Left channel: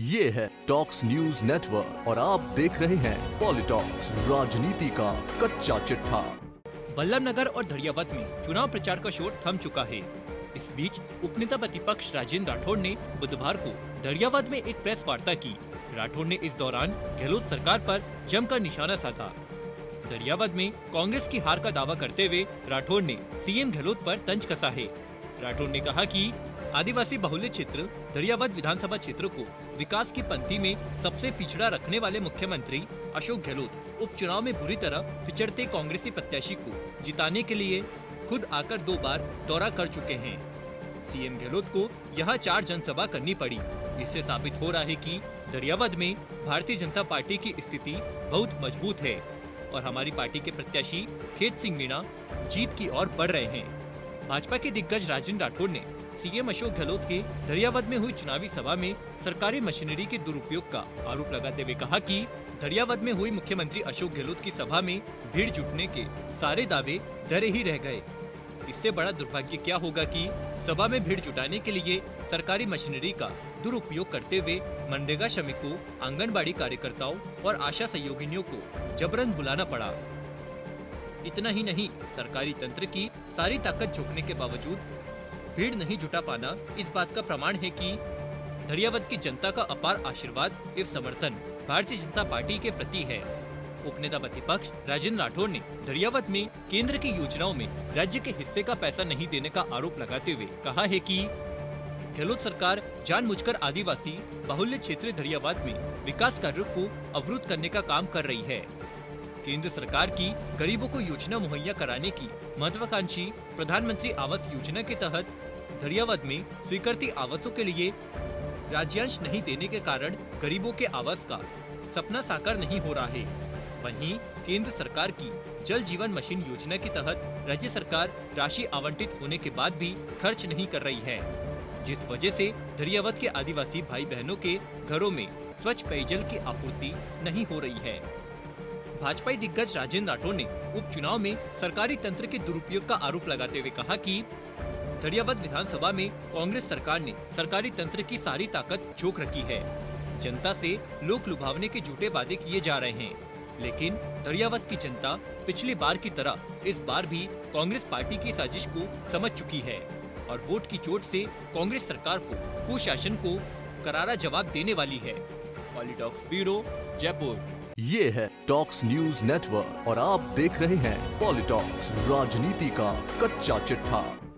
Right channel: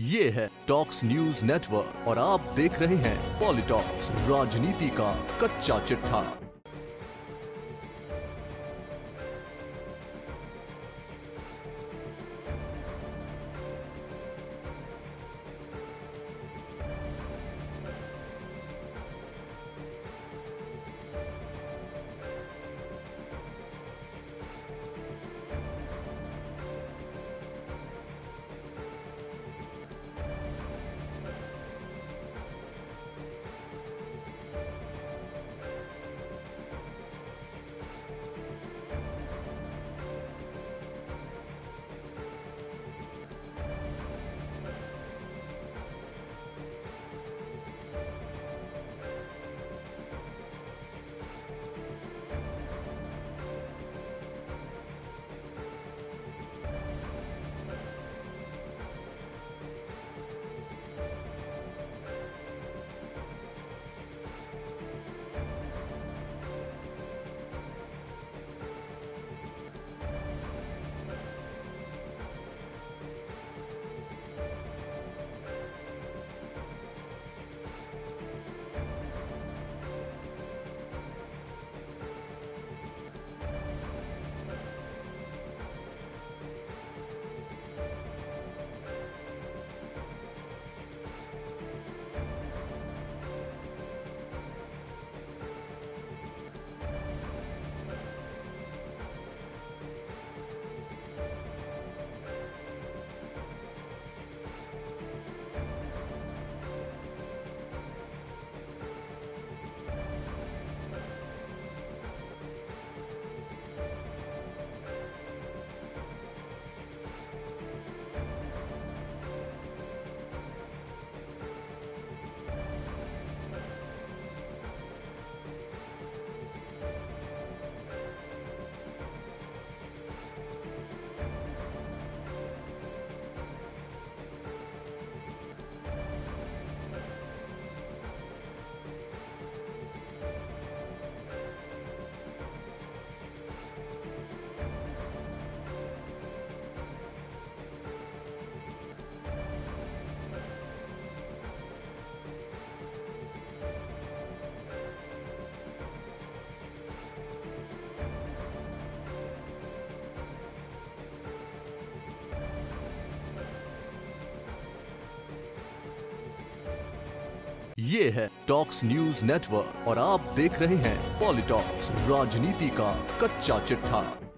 ये है talks news network और आप देख रहे हैं पॉलिटॉक्स, राजनीति का कच्चा चिट्ठा। बल्लभनगर और धड़ियावद में चुनाव प्रचार का शोर थम चुका है। इस बीच उपनेता प्रतिपक्ष राजेंद्र राठौड़ ने बुधवार को धड़ियावद में एक प्रेस वार्ता की। राठौड़ ने इस दौरान गहलोत सरकार पर जमकर निशाना साधा। धड़ियावद में कांग्रेस की हार का दावा करते हुए राठौड़ ने सीएम गहलोत पर तंज कसा है। राठौड़ ने कहा कि आदिवासी बहुल्य क्षेत्र धड़ियावद विधानसभा क्षेत्र को विकास की पंक्ति में सबसे पिछड़ा रखने वाले मुख्यमंत्री अशोक गहलोत उपचुनाव में बुरी तरह पिछड़ते कांग्रेसी प्रत्याशी को जिताने के लिए खुद आकर 2 बार दौरा कर चुके हैं। सीएम गहलोत को यहां 4 जनसभा करनी पड़ी। इससे साबित हो रहा है कि धड़ियावद में भारतीय जनता पार्टी की स्थिति बहुत मजबूत है और हमारी पार्टी के प्रत्याशी खेत सिंह मीणा जीत की ओर बढ़ रहे हैं। भाजपा के दिग्गज राजेंद्र राठौड़ ने सीएम अशोक गहलोत के धड़ियावद में हुई चुनावी सभा में सरकारी मशीनरी के दुरुपयोग का आरोप लगाते हुए कहा कि धड़ियावद में हुई मुख्यमंत्री अशोक गहलोत की सभा में भीड़ जुटने के सारे दावे धरे ही रह गए। इससे बड़ा दुर्भाग्य क्या होगा कि सभा में भीड़ जुटाने के लिए सरकारी मशीनरी का दुरुपयोग करते हुए मनरेगा श्रमिकों, आंगनबाड़ी कार्यकर्ताओं और आशा सहयोगिनियों को जबरन बुलाना पड़ा। इतना ही नहीं, सरकारी तंत्र की सारी ताकत झोंकने के बावजूद भीड़ नहीं जुटा पाना इस बात का प्रमाण है कि धड़ियावद की जनता का अपार आशीर्वाद एवं समर्थन भारतीय जनता पार्टी के प्रति है। उपनेता प्रतिपक्ष राजेंद्र राठौड़ ने धड़ियावद में केंद्र की योजनाओं में राज्य के हिस्से का पैसा नहीं देने का आरोप लगाते हुए कहा है कि गहलोत सरकार जानबूझकर आदिवासी बाहुल्य क्षेत्र धड़ियावद में विकास कार्यों को अवरुद्ध करने का काम कर रही है। केंद्र सरकार की गरीबों को योजना मुहैया कराने की महत्वाकांक्षी प्रधानमंत्री आवास योजना के तहत धड़ियावद में स्वीकृति आवासों के लिए राज्यांश नहीं देने के कारण गरीबों के आवास का सपना साकार नहीं हो रहा है। वहीं केंद्र सरकार की जल जीवन मिशन योजना के तहत राज्य सरकार राशि आवंटित होने के बाद भी खर्च नहीं कर रही है, जिस वजह से धड़ियावद के आदिवासी भाई बहनों के घरों में स्वच्छ पेयजल की आपूर्ति नहीं हो रही है। भाजपा दिग्गज राजेंद्र राठौड़ ने उपचुनाव में सरकारी तंत्र के दुरुपयोग का आरोप लगाते हुए कहा कि धड़ियावद विधानसभा में कांग्रेस सरकार ने सरकारी तंत्र की सारी ताकत झोंक रखी है। जनता से लोक लुभावने के झूठे वादे किए जा रहे हैं, लेकिन धड़ियावद की जनता पिछली बार की तरह इस बार भी कांग्रेस पार्टी की साजिश को समझ चुकी है और वोट की चोट से कांग्रेस सरकार को कुशासन को करारा जवाब देने वाली है। पॉलिटॉक्स ब्यूरो, जयपुर। ये है टॉक्स न्यूज नेटवर्क और आप देख रहे हैं पॉलिटॉक्स, राजनीति का कच्चा चिट्ठा।